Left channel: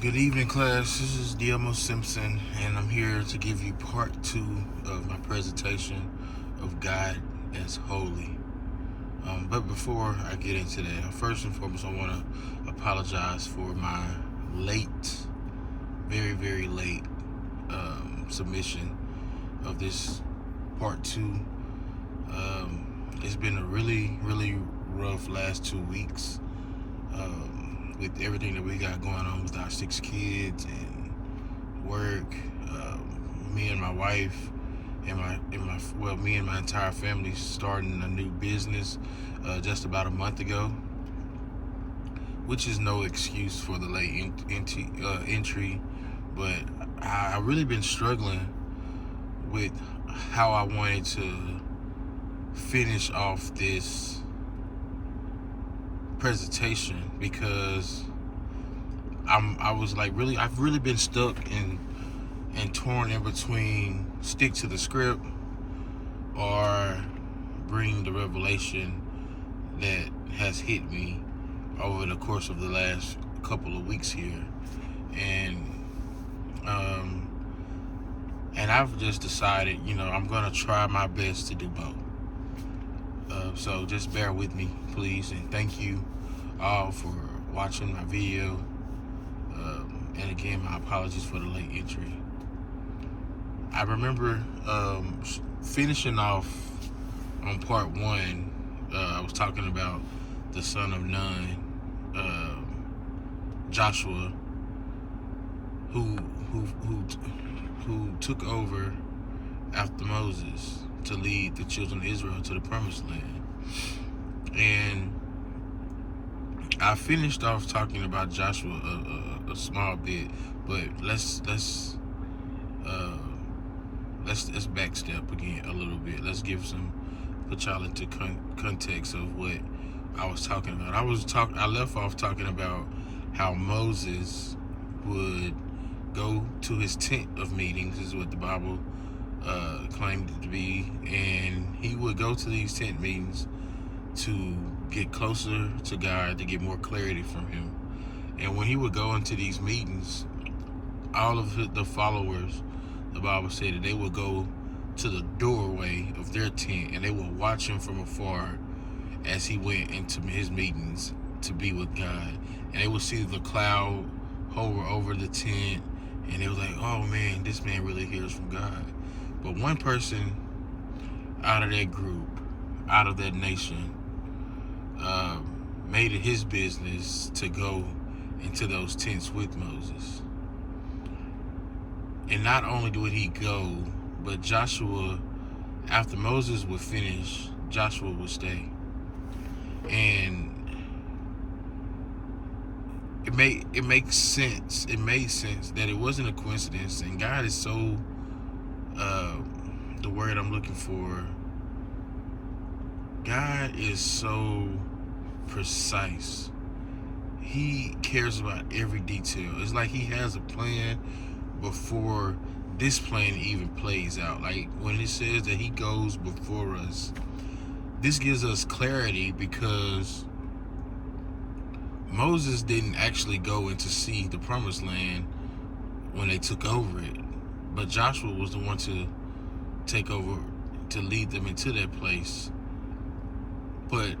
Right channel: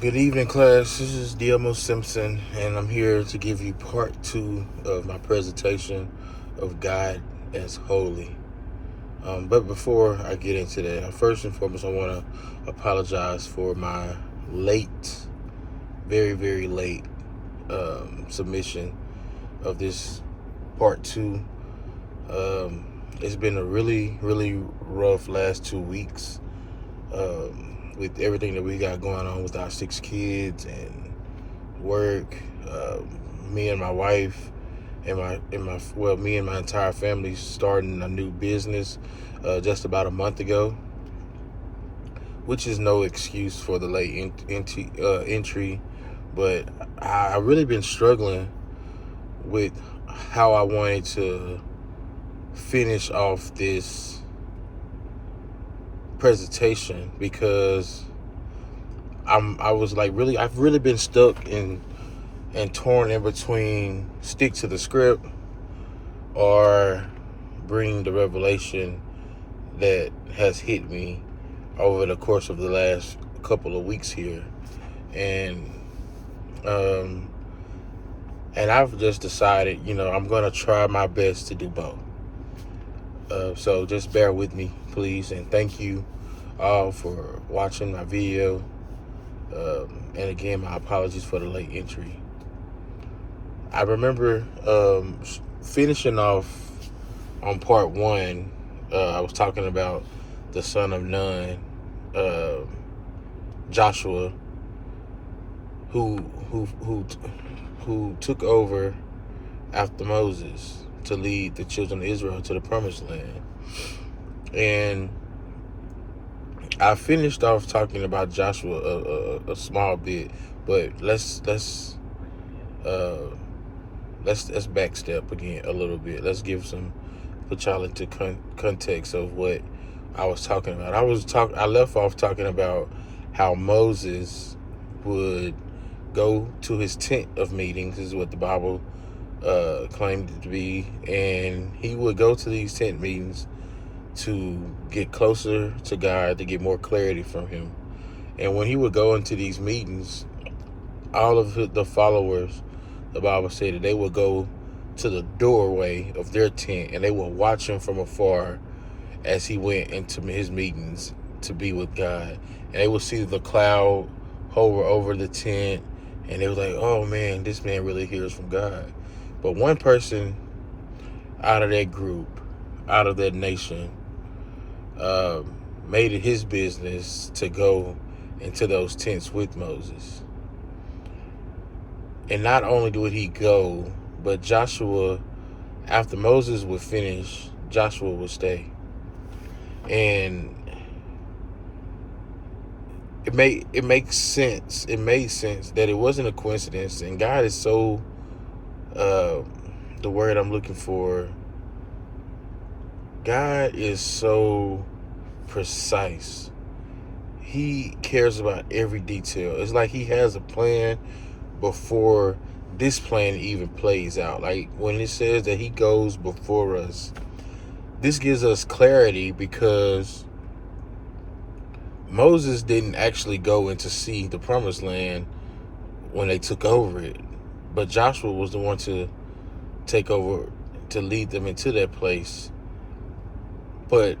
Good evening, class. This is DMO Simpson, and I'm here to give you part 2 of my presentation of God as Holy. But before I get into that, first and foremost, I want to apologize for my late, very, very late submission of this part 2. It's been a really, really rough last 2 weeks. With everything that we got going on with our 6 kids and work, me and my wife and me and my entire family starting a new business just about a month ago, which is no excuse for the late entry, but I really been struggling with how I wanted to finish off this presentation, because I've really been stuck and torn in between stick to the script or bring the revelation that has hit me over the course of the last couple of weeks here. And I've just decided, I'm gonna try my best to do both. So just bear with me, please, and thank you all for watching my video. And again, my apologies for the late entry. I remember finishing off on part 1. I was talking about the son of Nun, Joshua, who took over after Moses to lead the children of Israel to the promised land. And I finished off talking about Joshua a small bit, but let's backstep again a little bit. Let's put y'all into context of what I was talking about. I left off talking about how Moses would go to his tent of meetings, is what the Bible claimed it to be, and he would go to these tent meetings to get closer to God, to get more clarity from him. And when he would go into these meetings, all of the followers, the Bible said that they would go to the doorway of their tent and they would watch him from afar as he went into his meetings to be with God. And they would see the cloud hover over the tent, and they were like, oh man, this man really hears from God. But one person out of that group, out of that nation, made it his business to go into those tents with Moses. And not only would he go, but Joshua, after Moses would finish, Joshua would stay. And it makes sense. It made sense that it wasn't a coincidence. And God is so, the word I'm looking for, God is so precise. He cares about every detail. It's like he has a plan before this plan even plays out. Like when it says that he goes before us, this gives us clarity, because Moses didn't actually go in to see the promised land when they took over it, but Joshua was the one to take over, to lead them into that place. But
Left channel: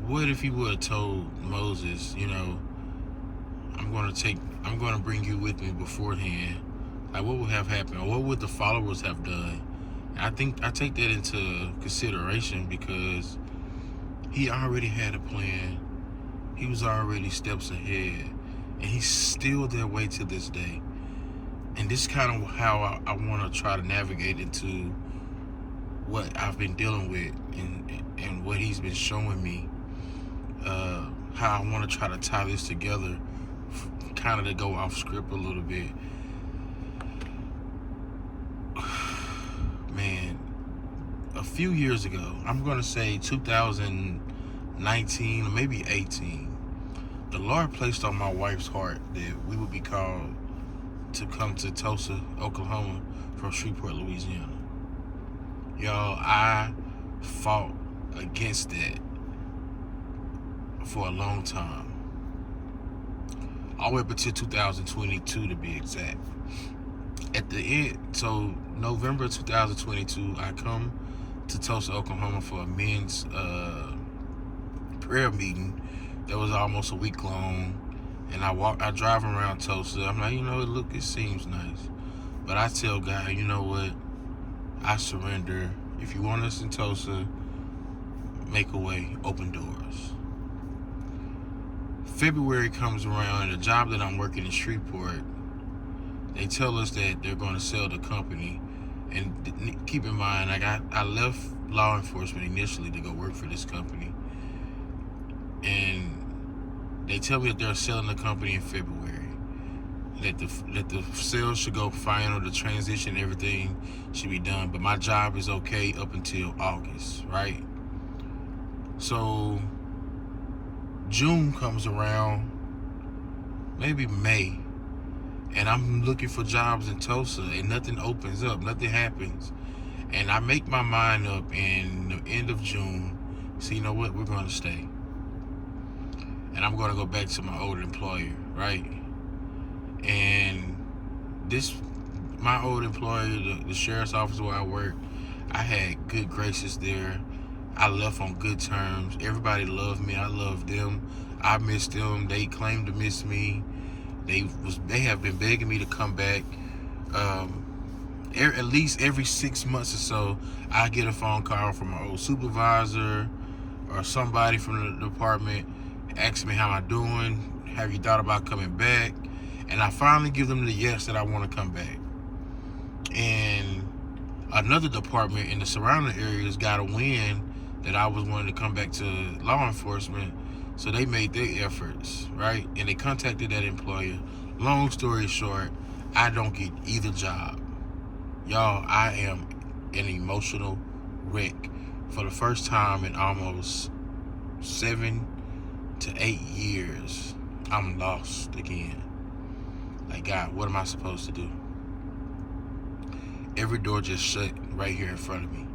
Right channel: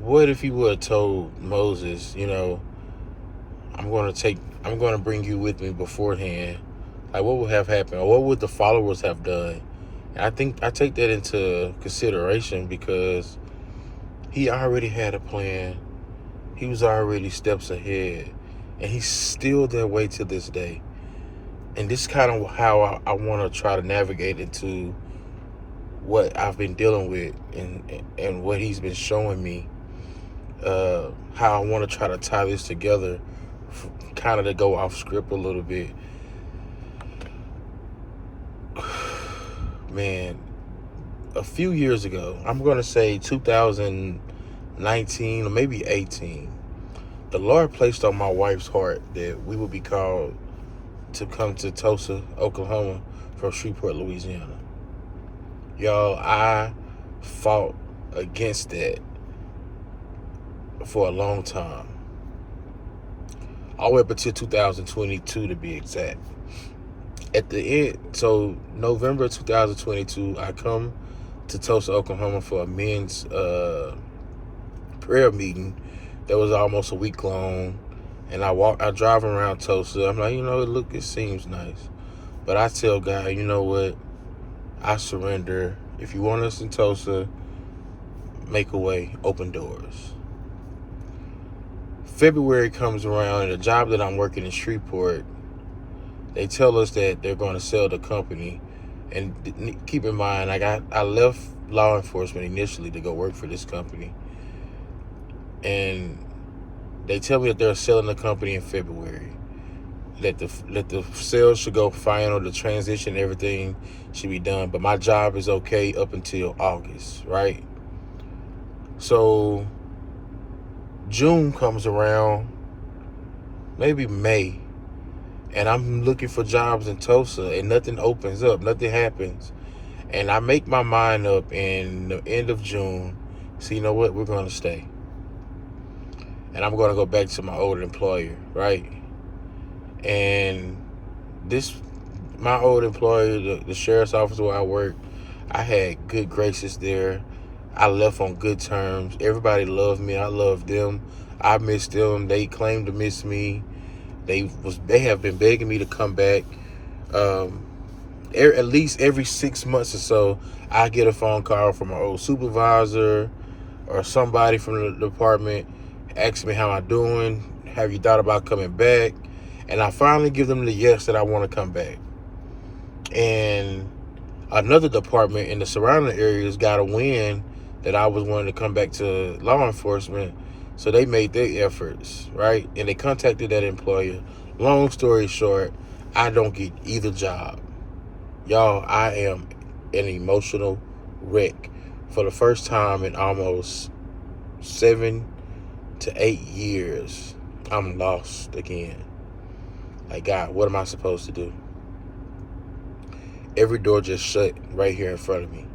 what if he would have told Moses, I'm going to bring you with me beforehand? Like, what would have happened? Or what would the followers have done? And I take that into consideration, because he already had a plan. He was already steps ahead, and he's still that way to this day. And this is kind of how I want to try to navigate into what I've been dealing with and what he's been showing me, how I want to try to tie this together, kind of to go off script a little bit. Man, a few years ago, I'm going to say 2019 or maybe 18, the Lord placed on my wife's heart that we would be called to come to Tulsa, Oklahoma from Shreveport, Louisiana. Y'all, I fought against that for a long time. all the way up until 2022 to be exact. At the end, so November 2022, I come to Tulsa, Oklahoma for a men's prayer meeting that was almost a week long. And I drive around Tulsa. I'm like, it seems nice. But I tell God, you know what? I surrender. If you want us in Tulsa, make a way, open doors. February comes around, and the job that I'm working in Shreveport, they tell us that they're going to sell the company. And keep in mind, I left law enforcement initially to go work for this company. And they tell me that they're selling the company in February. That the sales should go final, the transition, everything should be done. But my job is okay up until August, right? So June comes around, maybe May, and I'm looking for jobs in Tulsa, and nothing opens up, nothing happens. And I make my mind up in the end of June, so you know what, we're going to stay. And I'm going to go back to my old employer, right? And my old employer, the sheriff's office where I work, I had good graces there. I left on good terms. Everybody loved me. I loved them. I missed them. They claimed to miss me. They have been begging me to come back. At least every 6 months or so, I get a phone call from an old supervisor or somebody from the department asking me how I'm doing. Have you thought about coming back? And I finally give them the yes that I want to come back. And another department in the surrounding areas got a win that I was wanting to come back to law enforcement. So they made their efforts, right? And they contacted that employer. Long story short, I don't get either job. Y'all, I am an emotional wreck. For the first time in almost 7 to 8 years, I'm lost again. Like, God, what am I supposed to do? Every door just shut right here in front of me.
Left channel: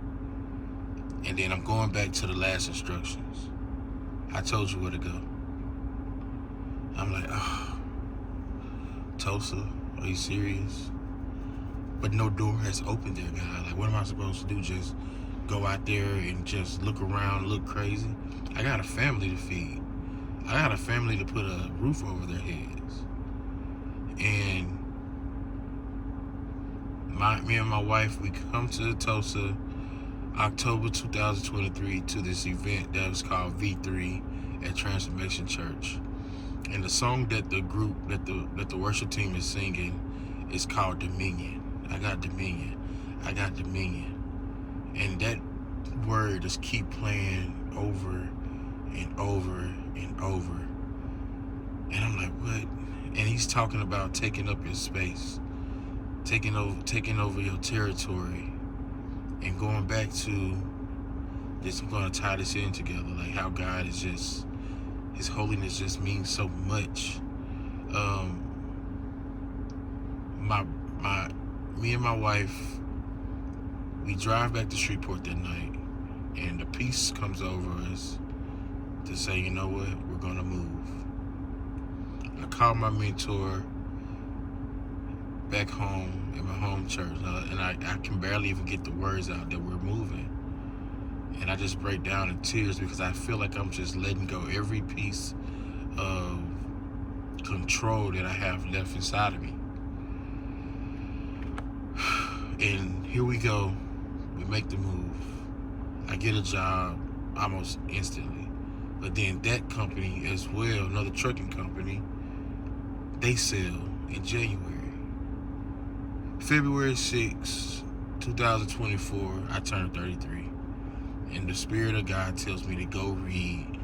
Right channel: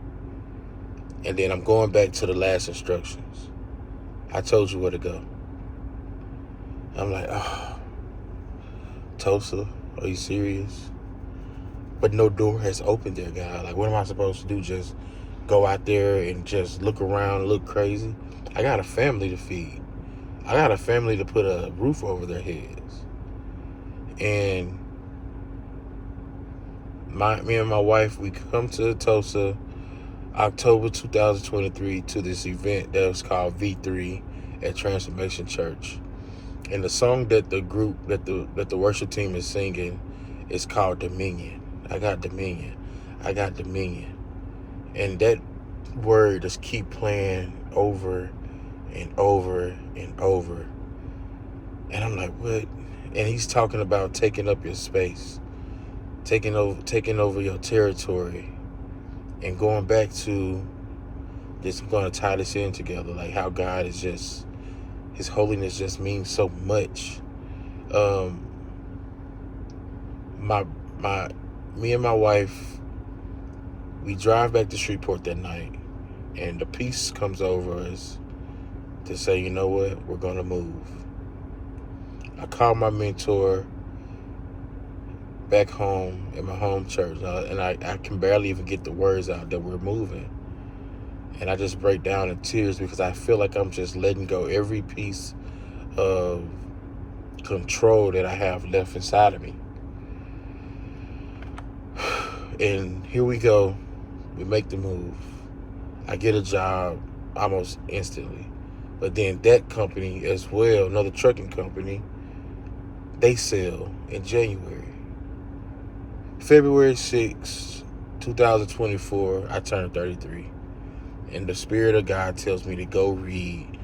And then I'm going back to the last instructions. I told you where to go. I'm like, Tulsa, are you serious? But no door has opened there, God. Like, what am I supposed to do? Just go out there and just look around, look crazy? I got a family to feed. I got a family to put a roof over their heads. And me and my wife, we come to Tulsa October 2023 to this event that was called V3 at Transformation Church. And the song that the worship team is singing is called Dominion. I got dominion. I got dominion. And that word just keep playing over and over and over. And I'm like, what? And he's talking about taking up your space, taking over your territory, and going back to this. I'm going to tie this in together, like how God is just, His holiness just means so much. Me and my wife, we drive back to Shreveport that night, and the peace comes over us to say, you know what, we're going to move. I called my mentor back home at my home church, and I can barely even get the words out that we're moving. And I just break down in tears because I feel like I'm just letting go every piece of control that I have left inside of me. And here we go. We make the move. I get a job almost instantly. But then that company as well, another trucking company, they sell in January. February 6, 2024, I turned 33. And the Spirit of God tells me to go read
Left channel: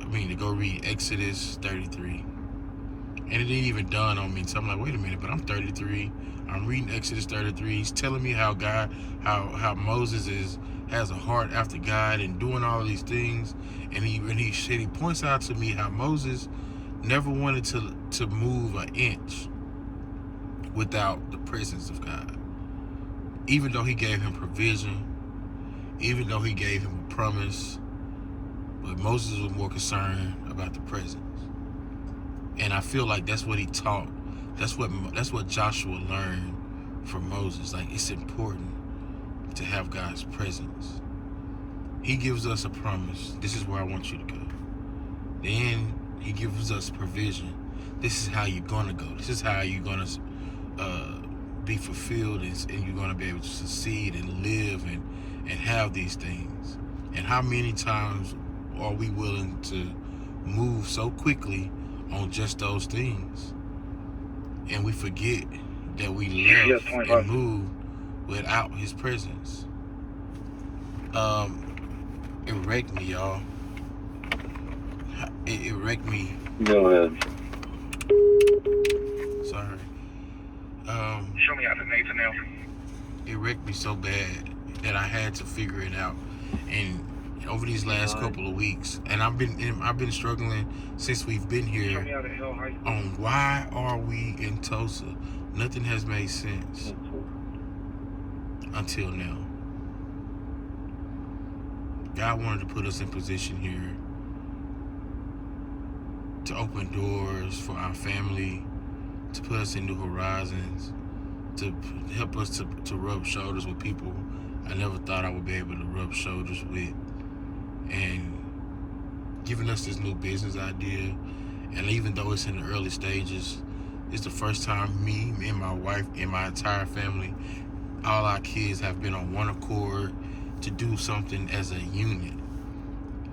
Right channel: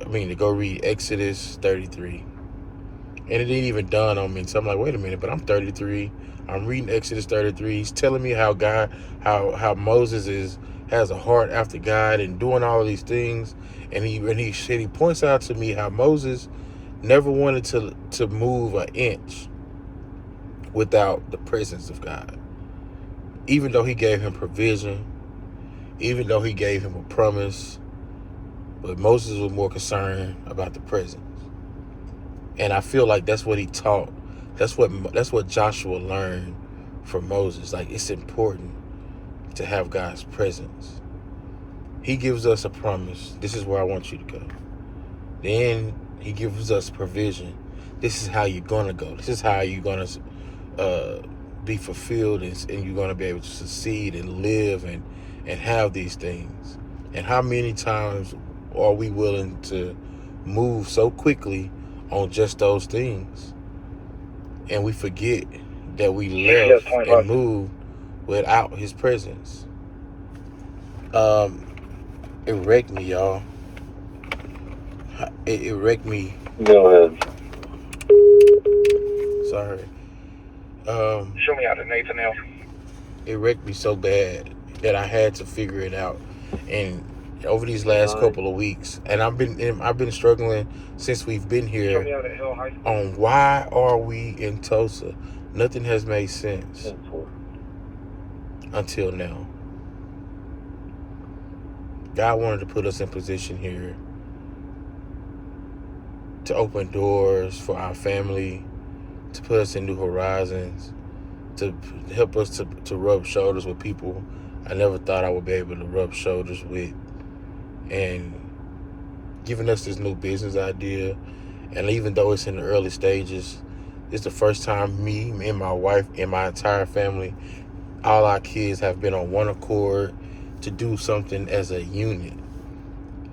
to go read Exodus 33. And it didn't even dawn on me. So I'm like, wait a minute, but I'm 33. I'm reading Exodus 33. He's telling me how how Moses has a heart after God and doing all of these things. And he points out to me how Moses never wanted to move an inch without the presence of God. Even though he gave him provision, even though he gave him a promise, but Moses was more concerned about the presence. And I feel like that's what he taught. That's what Joshua learned from Moses. Like, it's important to have God's presence. He gives us a promise. This is where I want you to go. Then he gives us provision. This is how you're gonna go. This is how you're gonna be fulfilled, and you're gonna be able to succeed and live and have these things. And how many times are we willing to move so quickly on just those things, and we forget that we left and moved without his presence? It wrecked me, y'all. It wrecked me. Go ahead. Sorry. Show me how to Nathan L. It wrecked me so bad that I had to figure it out. And over these last couple of weeks, and I've been struggling since we've been here on why are we in Tulsa. Nothing has made sense until now. God wanted to put us in position here to open doors for our family, to put us in new horizons, to help us to rub shoulders with people I never thought I would be able to rub shoulders with, and giving us this new business idea. And even though it's in the early stages, it's the first time me and my wife and my entire family, all our kids, have been on one accord to do something as a unit.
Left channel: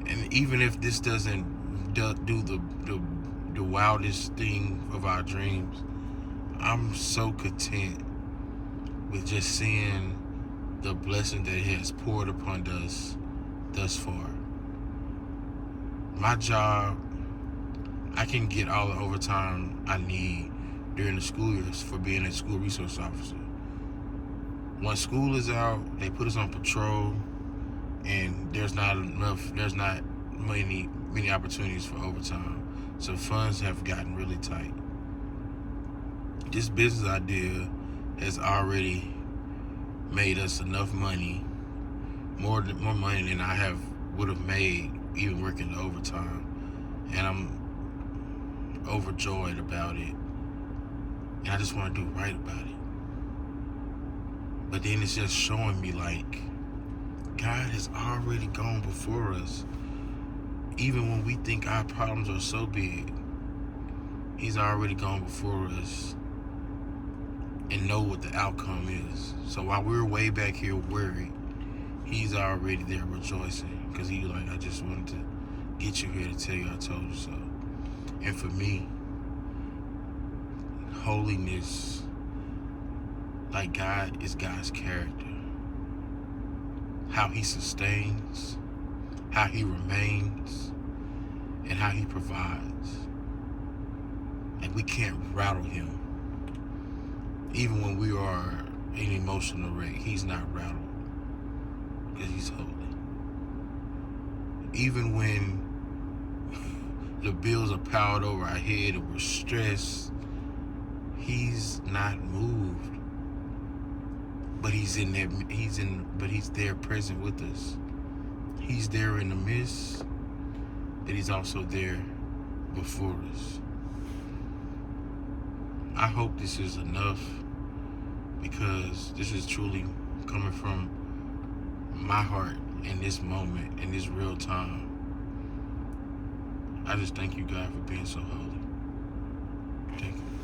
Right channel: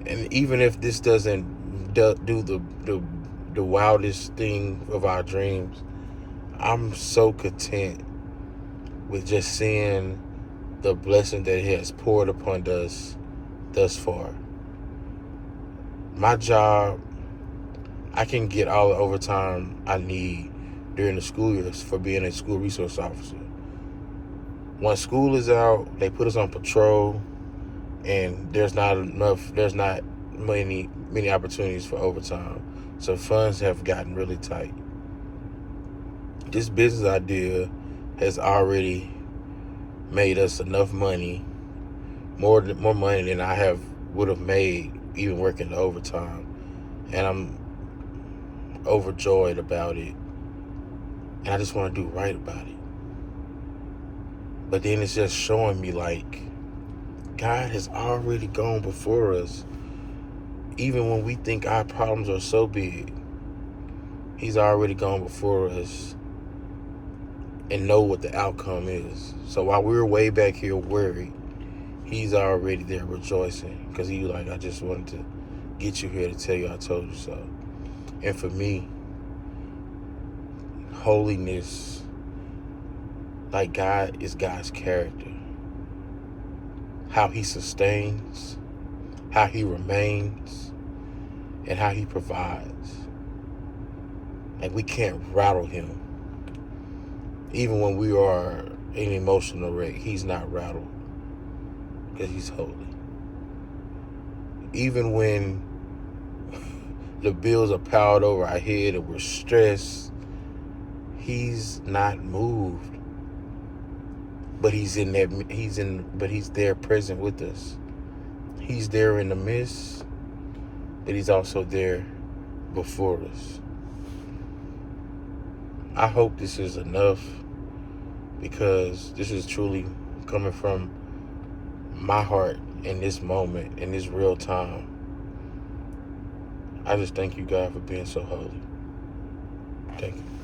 And even if this doesn't do the wildest thing of our dreams, I'm so content with just seeing the blessing that he has poured upon us thus far. My job, I can get all the overtime I need during the school years for being a school resource officer. Once school is out, they put us on patrol, and there's not many opportunities for overtime. So funds have gotten really tight. This business idea has already made us enough money, more money than I would have made even working the overtime. And I'm overjoyed about it. And I just want to do right about it. But then it's just showing me, like, God has already gone before us. Even when we think our problems are so big, he's already gone before us and know what the outcome is. So while we're way back here worried, he's already there rejoicing, because he's like, I just wanted to get you here to tell you I told you so. And for me, holiness, like God, is God's character. How he sustains, how he remains, and how he provides. And we can't rattle him. Even when we are an emotional wreck, he's not rattled, because he's holy. Even when the bills are piled over our head and we're stressed, he's not moved. But he's there present with us. He's there in the midst, but he's also there before us. I hope this is enough, because this is truly coming from my heart in this moment, in this real time. I just thank you, God, for being so holy. Thank you.